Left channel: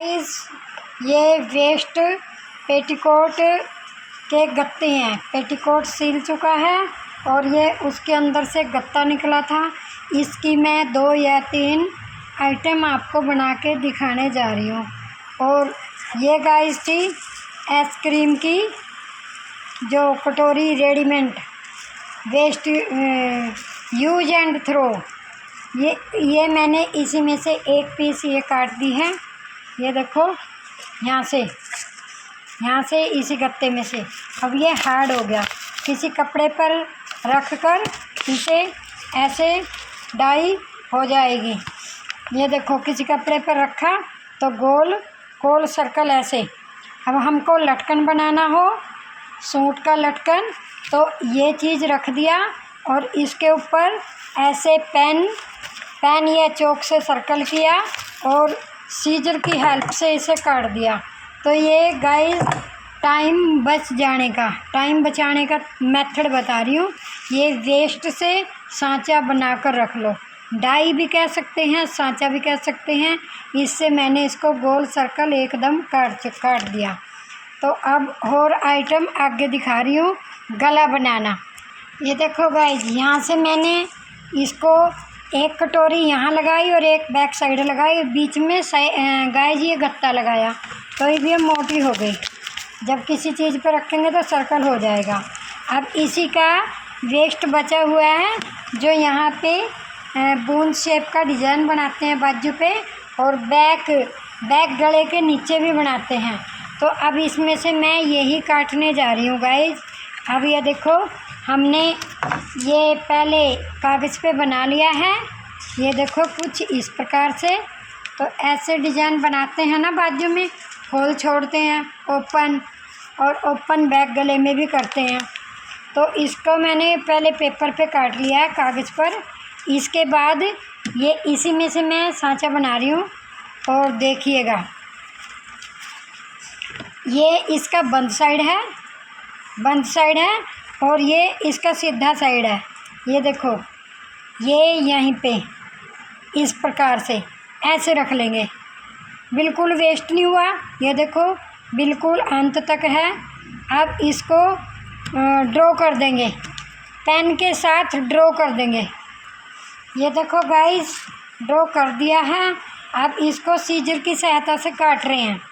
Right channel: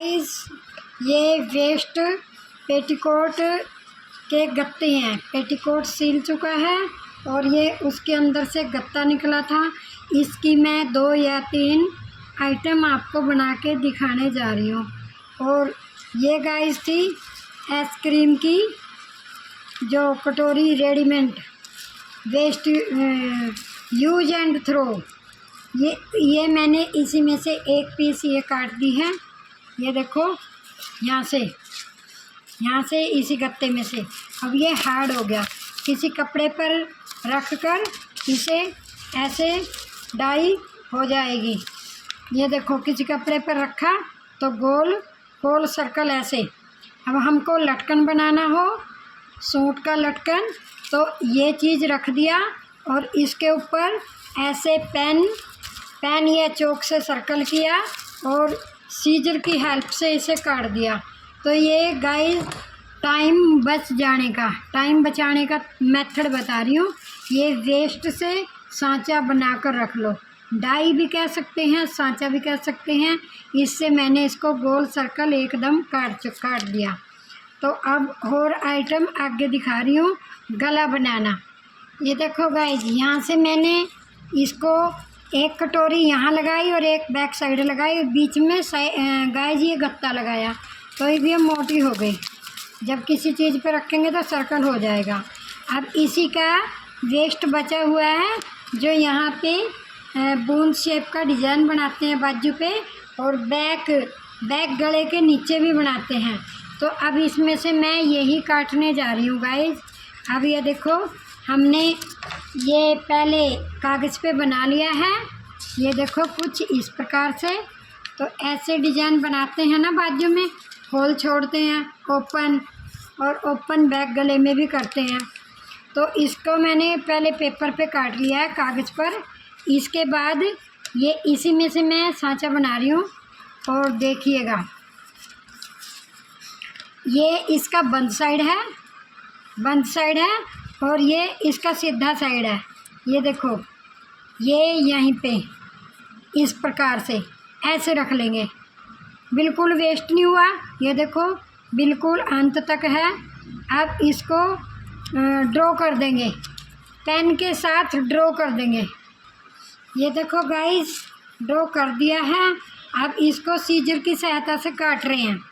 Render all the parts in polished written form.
इस ये waste petticoat के गत्ते हैं। पेटीकोट सिल चुका है और ये उसके अंदर से गत्ता निकला था। इसकी मैं 2 या 3 आइटम आपको बना के दिखाने जा रही हूँ। और ये गाइस थी आइसक्रीम की जो कटोरी readymade waste use and throw. ये मैंने इसी में से एक पीस ये काट दी है। ये देखो यहाँ से इसी गत्ते में से। अब ये हार्ड हो गया। किसी कपड़े पर रख कर इसे ऐसे डाई हो जाएगी। ये देखो किसी कपड़े पर रखा तो गोल सर्कल ऐसे। अब हमको लटकन बनाना हो, सूट का लटकन, तो ये चीज़ रख दिया और इसके ऊपर ऐसे पेन या चौक से सर्कल किया और सीजर की हेल्प से इसे काट दिया। तो ये गाइस टाइम बचाने का मेथड बता रही हूँ। ये वेस्ट से सांचा बनाकर रख लो। डाई भी कह सकते हैं, सांचा भी कह सकते हैं। इससे मैंने इसको गोल सर्कल एकदम काट दिया। तो अब और आइटम आगे दिखा रही हूँ। गला बनाना। ये देखो गाइस, यहाँ से मैंने इसको एक कटोरी यहाँ लगाई और एक बैक साइड लगाई, बीच में गाइस ये गत्ता लगाया तो ये मोटी हो गई। जब किसी चीज़ पर रखेंगे तो सर्कल हो जाएगा। अब इसी का वेस्ट बचा हुआ है जो यहाँ पे बूंद शेप का डिज़ाइन बनाते हैं बाजू पे, और बैक गले के नीचे भी बनाते हैं। तो अब इसमें से मैं यही काटने जा रही हूँ गाइस। अब ये देखो हमने ये पहले कागज़ पे बना लिया है। ये देखो कुछ इस प्रकार से। तो ऐसे डिज़ाइन बनाते हैं ना, बाजू में होल छोड़ते हैं, ओपन बैक गले में भी करते हैं। तो इसको मैंने पहले पेपर पे काट लिया है, कागज़ पर। इसके बाद ये इसी में से मैं सांचा बना रही हूँ। और देखिएगा ये इसका बंद साइड है और ये इसका सीधा साइड है। ये देखो ये यहीं पे इस प्रकार से ऐसे रख लेंगे। बिल्कुल वेस्ट नहीं हुआ। ये देखो बिल्कुल अंत तक है। अब इसको ड्रॉ कर देंगे, पेन के साथ ड्रॉ कर देंगे। ये देखो गाइस ड्रॉ कर दिया है। अब इसको सीजर की सहायता से काट रहे हैं।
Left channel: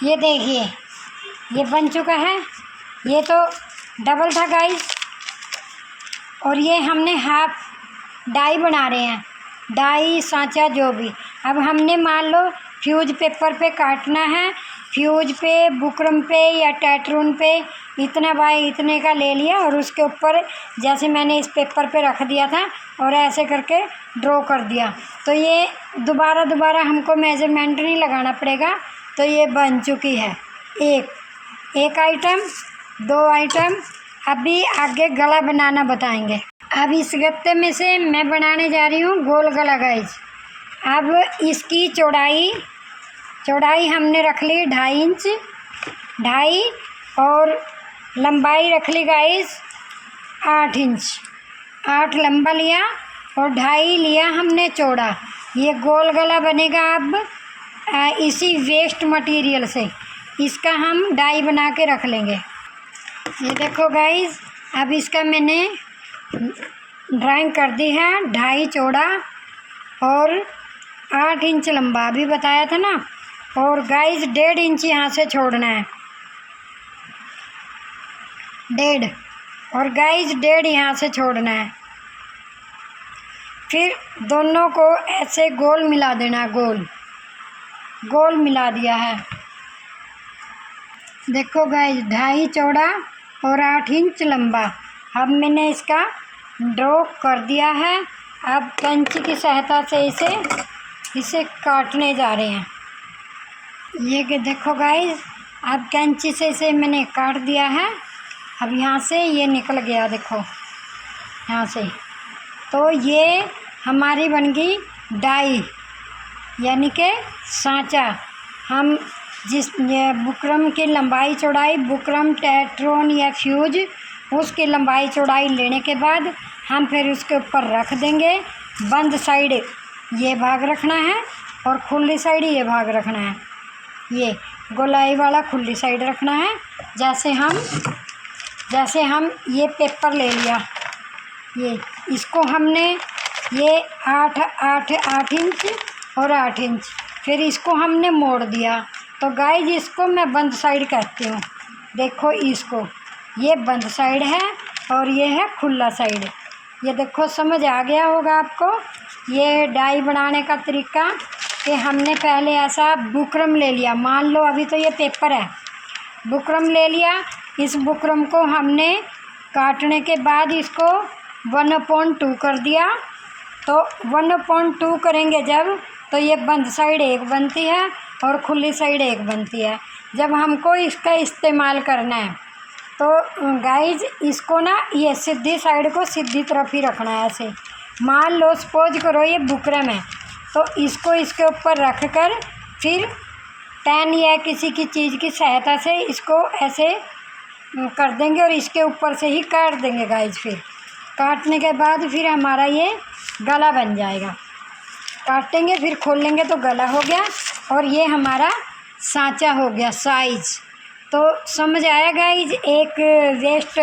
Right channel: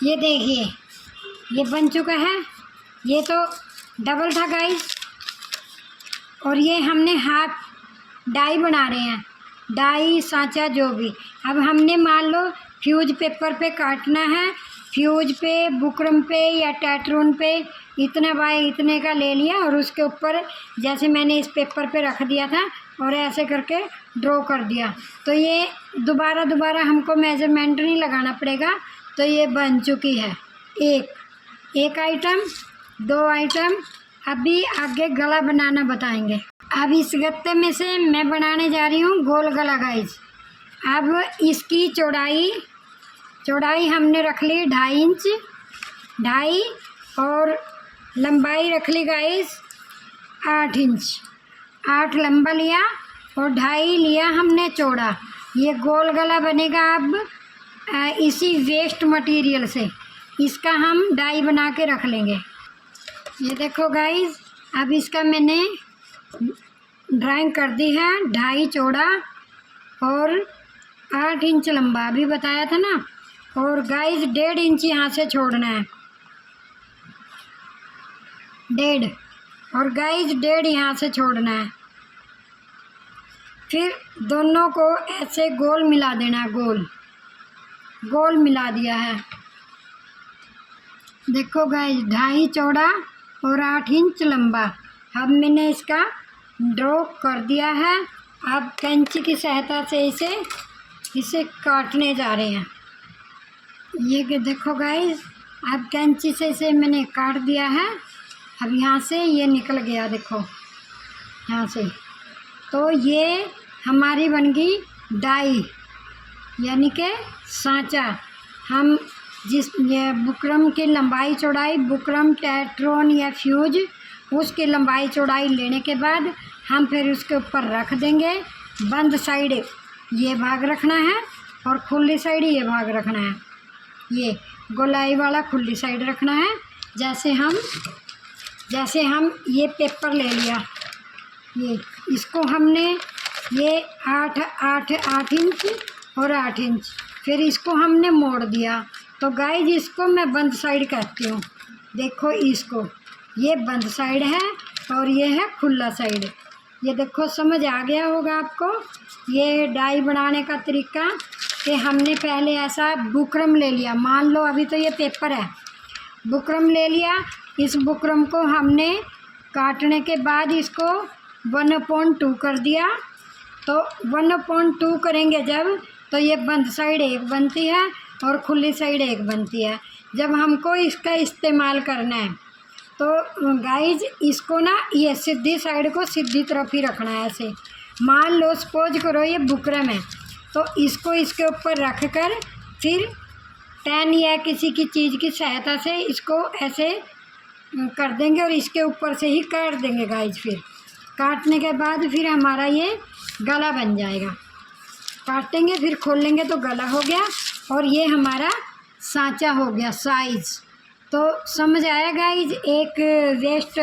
ये देखिए ये बन चुका है। ये तो डबल था गाइस। और ये हमने हाफ डाई बना रहे हैं, डाई सांचा जो भी। अब हमने मान लो फ्यूज पेपर पे काटना है। फ्यूज पे, बुकरम पे या टैटरून पे इतना बाय इतने का ले लिया और उसके ऊपर जैसे मैंने इस पेपर पे रख दिया था और ऐसे करके ड्रॉ कर दिया। तो ये दोबारा हमको मेज़रमेंट नहीं लगाना पड़ेगा। तो ये बन चुकी है एक आइटम, 2 आइटम। अभी आगे गला बनाना बताएंगे। अब इस गत्ते में से मैं बनाने जा रही हूँ गोल गला गाइस। अब इसकी चौड़ाई हमने रख ली 2.5 इंच, 2.5, और लंबाई रख ली गाइस 8 इंच। 8 लंबा लिया और 2.5 लिया हमने चौड़ा। ये गोल गला बनेगा। अब इसी वेस्ट मटेरियल से इसका हम डाई बना के रख लेंगे। ये देखो गाइस अब इसका मैंने ड्राइंग कर दी है। 2.5 चौड़ा और 8 इंच लंबा अभी बताया था ना। और गाइस 1.5 इंच यहाँ से छोड़ना है, 1.5, और गाइस 1.5 यहाँ से छोड़ना है। फिर दोनों को ऐसे गोल मिला देना, गोल मिला दिया है। देखो गाइस 2.5 चौड़ा और 8 इंच लंबा। अब मैंने इसका ड्रॉ कर दिया है। अब कैंची की सहायता से इसे काटने जा रहे हैं। ये कि देखो गाइस अब कैंची से इसे मैंने काट दिया है। अब यहाँ से ये निकल गया, देखो यहाँ से। तो ये हमारी बन गई डाई यानी कि सांचा। हम ये बुकरम की लंबाई चौड़ाई, बुकरम, टेट्रोन या फ्यूज, उसकी लंबाई चौड़ाई लेने के बाद हम फिर उसके ऊपर रख देंगे। बंद साइड ये भाग रखना है और खुली साइड ये भाग रखना है। ये गोलाई वाला खुली साइड रखना है। जैसे हम ये पेपर ले लिया, ये इसको हमने ये 8 इंच और 8 इंच, फिर इसको हमने मोड़ दिया। तो गाइज इसको मैं बंद साइड कहती हूँ। देखो इसको, ये बंद साइड है और ये है खुला साइड। ये देखो समझ आ गया होगा आपको ये डाई बनाने का तरीका कि हमने पहले ऐसा बुकरम ले लिया। मान लो अभी तो ये पेपर है, बुकरम ले लिया। इस बुकरम को हमने काटने के बाद इसको 1/2 कर दिया। तो 1/2 करेंगे जब, तो ये बंद साइड एक बनती है और खुली साइड एक बनती है। जब हमको इसका इस्तेमाल करना है तो गाइज इसको ना ये सीधी साइड को सीधी तरफ ही रखना है। ऐसे मान लो सपोज करो ये बुकरम है, तो इसको इसके ऊपर रख कर फिर पेन या किसी की चीज़ की सहायता से इसको ऐसे कर देंगे और इसके ऊपर से ही काट देंगे गाइज। फिर काटने के बाद फिर हमारा ये गला बन जाएगा। काटेंगे फिर खोलेंगे तो गला हो गया और ये हमारा सांचा हो गया साइज़। तो समझ आया गाइज एक वेस्ट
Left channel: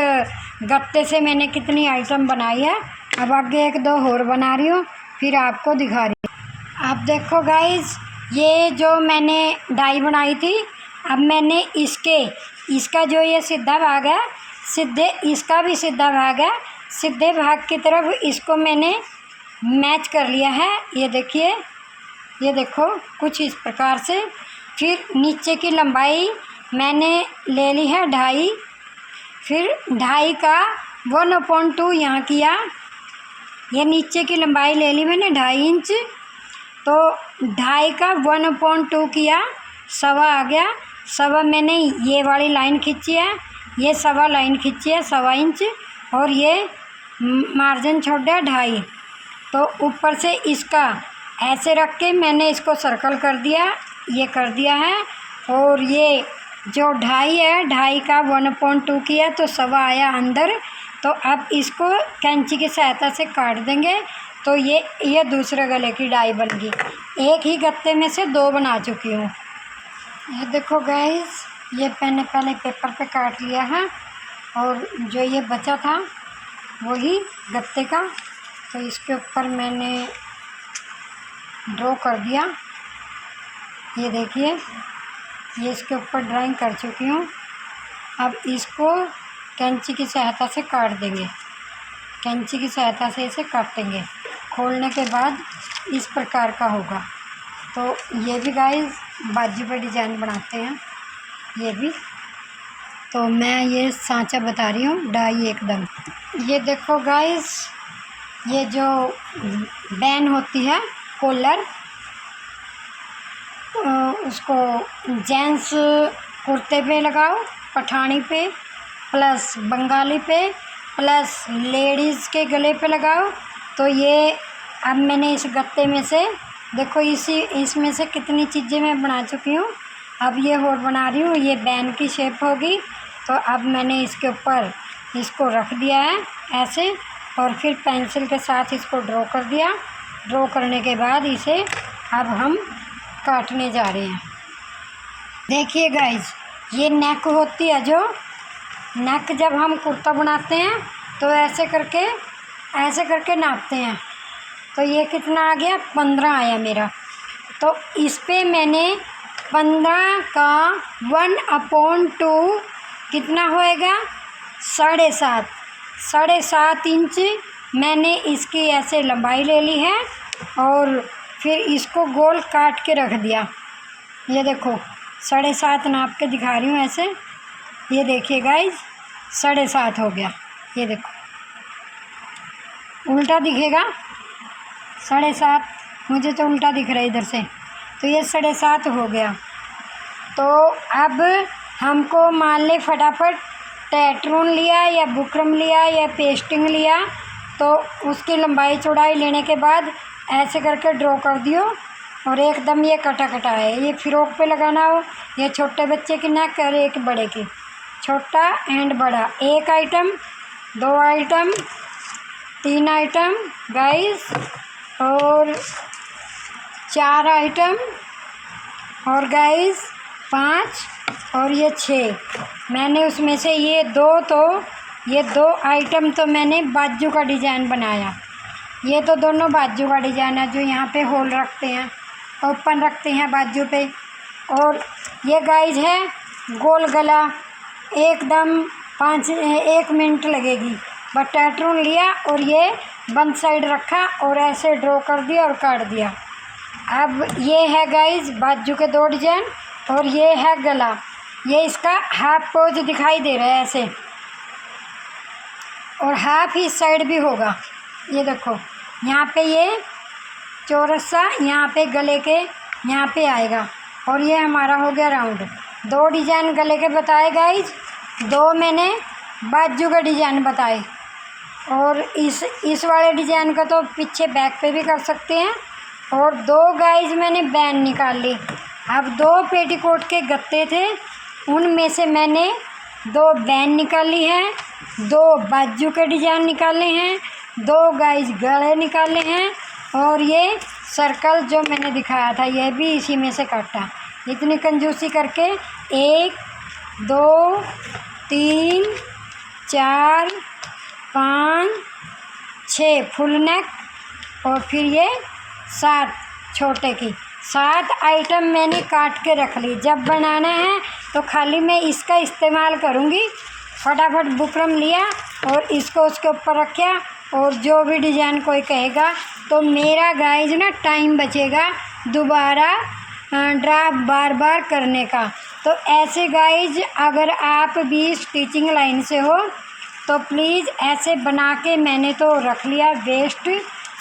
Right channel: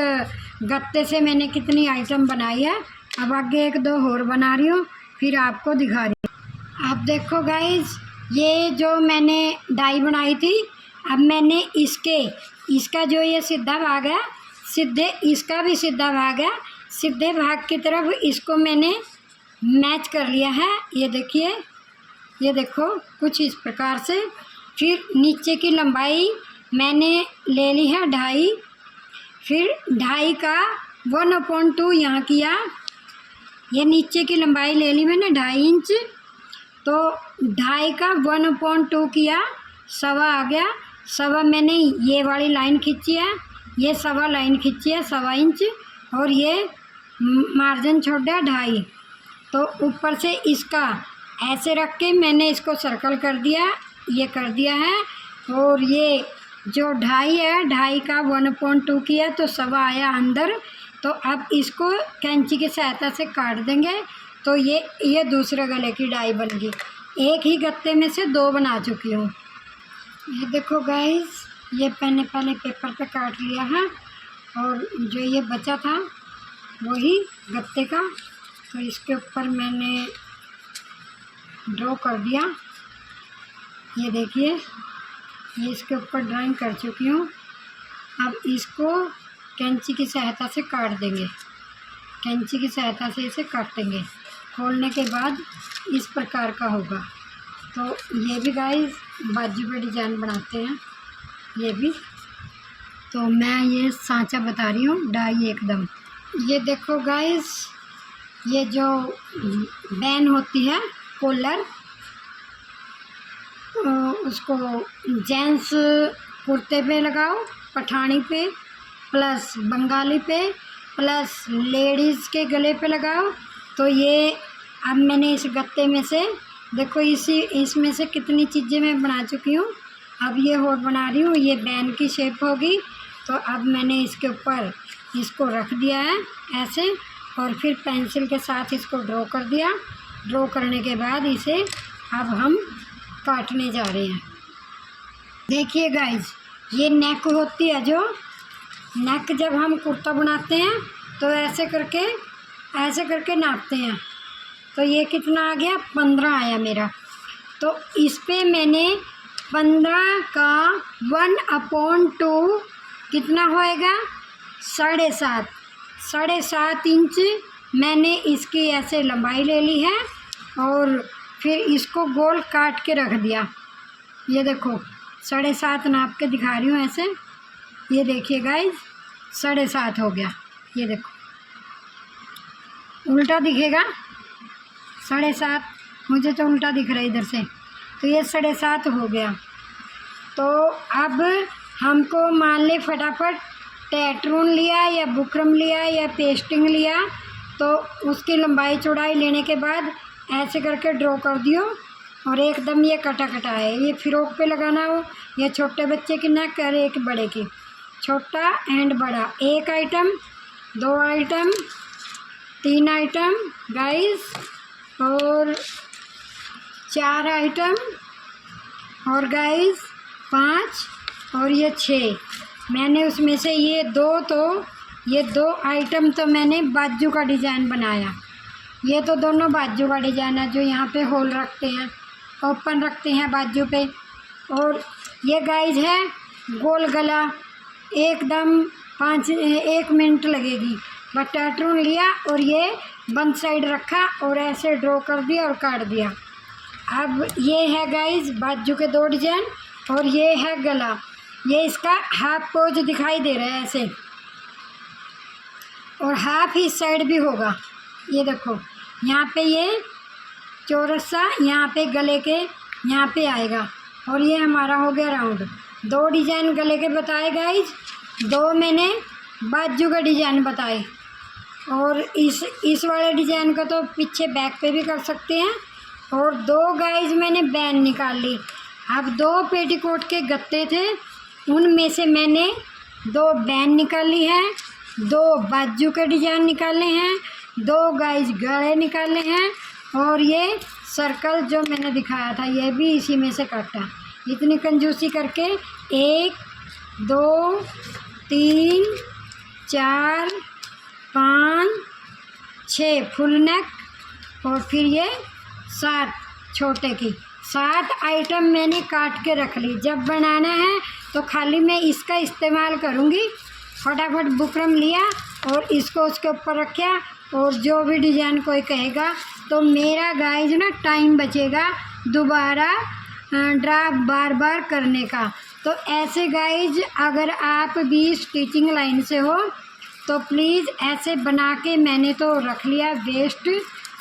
गत्ते से मैंने कितनी आइटम बनाई है। अब आगे 1-2 और बना रही हूँ, फिर आपको दिखा रही हूँ। अब देखो गाइज ये जो मैंने डाई बनाई थी, अब मैंने इसका जो ये सीधा भाग है, इसका भी सीधा भाग है, सीधे भाग की तरफ इसको मैंने मैच कर लिया है। ये देखिए, ये देखो कुछ इस प्रकार से। फिर नीचे की लंबाई मैंने ले ली है 2.5, फिर 2.5 का 1/2 यहाँ किया। ये नीचे की लंबाई ले ली मैंने 2.5 इंच, तो 2.5 का 1/2 किया, 1.25 आ गया। 1.25 मैंने ये वाली लाइन खींची है, ये 1.25 लाइन खींची है 1.25 इंच, और ये मार्जिन छोड़ दिया 2.5। तो ऊपर से इसका ऐसे रख के मैंने इसको सर्कल कर दिया, ये कर दिया है। और ये जो 2.5 है, 2.5 का 1/2 किया तो 1.25 आया अंदर। तो अब इसको कैंची की सहायता से काट देंगे। तो ये दूसरे गले की डाई बन गई। एक ही गत्ते में से 2 बना चुकी हूँ। ये देखो गाइस, ये मैंने पहले पेपर पे काट लिया है और जो ये बचा था वही गत्ते का, तो इसके ऊपर मैंने ड्रॉ कर दिया। ये देखिए, ये इसके ऊपर ड्राइंग कर चुकी हूँ। अब इसको कैंची की सहायता से काट देंगे, कैंची की सहायता से इसे काटेंगे। खोलने के बाद इस प्रकार का होगा। तो ये भी गाइस बाजू पर डिजाइन बनाते हैं ये भी। तो मैं ये सांचा बता रही हूँ डाई एकदम। ये देखो गाइस, ये जो बैन होती है कॉलर, उसको जेंट्स कुर्ते पे लगाओ, पठानी पे प्लस बंगाली पे प्लस लेडीज़ के गले पे लगाओ। तो ये अब मैंने इस गत्ते में से देखो इसमें से कितनी चीज़ें मैं बना चुकी हूँ। अब ये और बना रही हूँ, ये बैन की शेप होगी। तो अब मैंने इसके ऊपर इसको रख दिया है ऐसे, और फिर पेंसिल के साथ इसको ड्रॉ कर दिया। ड्रॉ करने के बाद इसे अब हम काटने जा रहे हैं। देखिए गाइज, ये नेक होती है, जो नेक जब हम कुर्ता बनाते हैं तो ऐसे करके नापते हैं। तो ये कितना आ गया, 15 आया मेरा। तो इस पे मैंने 15 का 1/2 कितना होएगा, 7.5 इंच मैंने इसकी ऐसे लंबाई ले ली है और फिर इसको गोल काट के रख दिया। ये देखो 7.5 नाप के दिखा रही हूँ ऐसे। ये देखिए गाइज, 7.5 हो गया। ये देखो उल्टा दिखेगा 7.5, मुझे तो उल्टा दिख रहा है इधर से। तो ये 7.5 हो गया। तो अब हमको मान ले फटाफट टेट्रून लिया या बुकरम लिया या पेस्टिंग लिया, तो उसकी लंबाई चौड़ाई लेने के बाद ऐसे करके ड्रॉ कर दियो। और एकदम ये कटा कटा है। ये फ्रॉक पे लगाना हो, ये छोटे बच्चे की नेक और एक बड़े की, छोटा एंड बड़ा। एक आइटम, 2 आइटम, 3 आइटम गाइस, और 4 आइटम, और गाइस 5, और ये 6। मैंने उसमें से ये 2 आइटम तो मैंने बाजू का डिज़ाइन बनाया। ये तो दोनों बाजू का डिज़ाइन है, जो यहाँ पे होल रखते हैं, ओपन रखते हैं बाजू पे। और ये गाइज है गोल गला, एकदम 1 मिनट लगेगी। बस पैटर्न लिया और ये बंद साइड रखा और ऐसे ड्रॉ कर दिया और काट दिया। अब ये है गाइज बाजू के 2 डिज़ाइन, और ये है गला। ये इसका हाफ पोज दिखाई दे रहा है ऐसे, और हाफ इस साइड भी होगा। ये देखो यहाँ पे ये चौरस सा यहाँ पे गले के यहाँ पे आएगा, और ये हमारा हो गया राउंड। 2 डिज़ाइन गले के बताए गाइज, 2 मैंने बाजू के डिज़ाइन बताए। और इस वाले डिज़ाइन का तो पीछे बैक पे भी कर सकते हैं। और 2 गाइज मैंने बैन निकाल ली। अब 2 पेटीकोट के गत्ते थे, उनमें से मैंने 2 बैन निकाली हैं, 2 बाजू के डिज़ाइन निकाले हैं, 2 गाइज गले निकाले हैं, और ये सर्कल जो मैंने दिखाया था ये भी इसी में से काटा। इतनी कंजूसी करके 1 2 3 4 5 6 फुल नेक, और फिर ये 7 छोटे की। 7 आइटम मैंने काट के रख ली। जब बनाना है तो खाली मैं इसका इस्तेमाल करूँगी। फटाफट बुकरम लिया और इसको उसके ऊपर रखा, और जो भी डिज़ाइन कोई कहेगा तो मेरा गाइज ना टाइम बचेगा दोबारा ड्रा बार बार करने का। तो ऐसे गाइज अगर आप भी स्टिचिंग लाइन से हो तो प्लीज़ ऐसे बना के, मैंने तो रख लिया वेस्ट,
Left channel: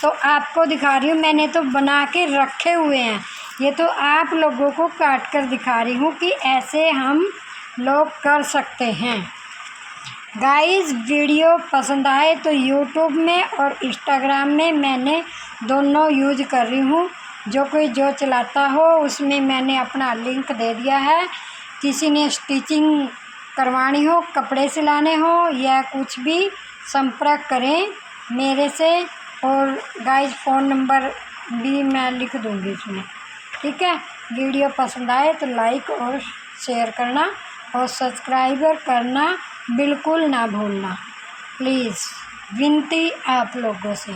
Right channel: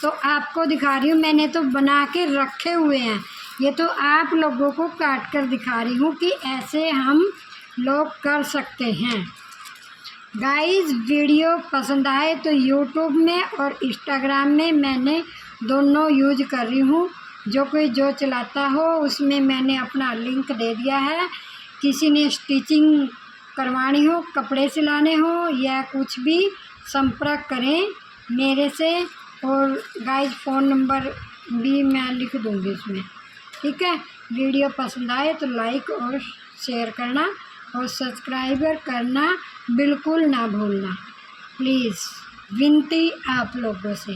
तो आपको दिखा रही हूँ। मैंने तो बना के रखे हुए हैं, ये तो आप लोगों को काट कर दिखा रही हूँ कि ऐसे हम लोग कर सकते हैं। गाइस वीडियो पसंद आए तो यूट्यूब में और इंस्टाग्राम में मैंने दोनों यूज कर रही हूँ। जो कोई जो चलाता हो उसमें मैंने अपना लिंक दे दिया है। किसी ने स्टिचिंग करवानी हो, कपड़े सिलाने हो या कुछ भी, संपर्क करें मेरे से। और गाइस फ़ोन नंबर भी मैं लिख दूँगी इसमें, ठीक है। वीडियो पसंद आए तो लाइक और शेयर करना और सब्सक्राइबर करना बिल्कुल ना भूलना, प्लीज़ विनती आप लोगों से।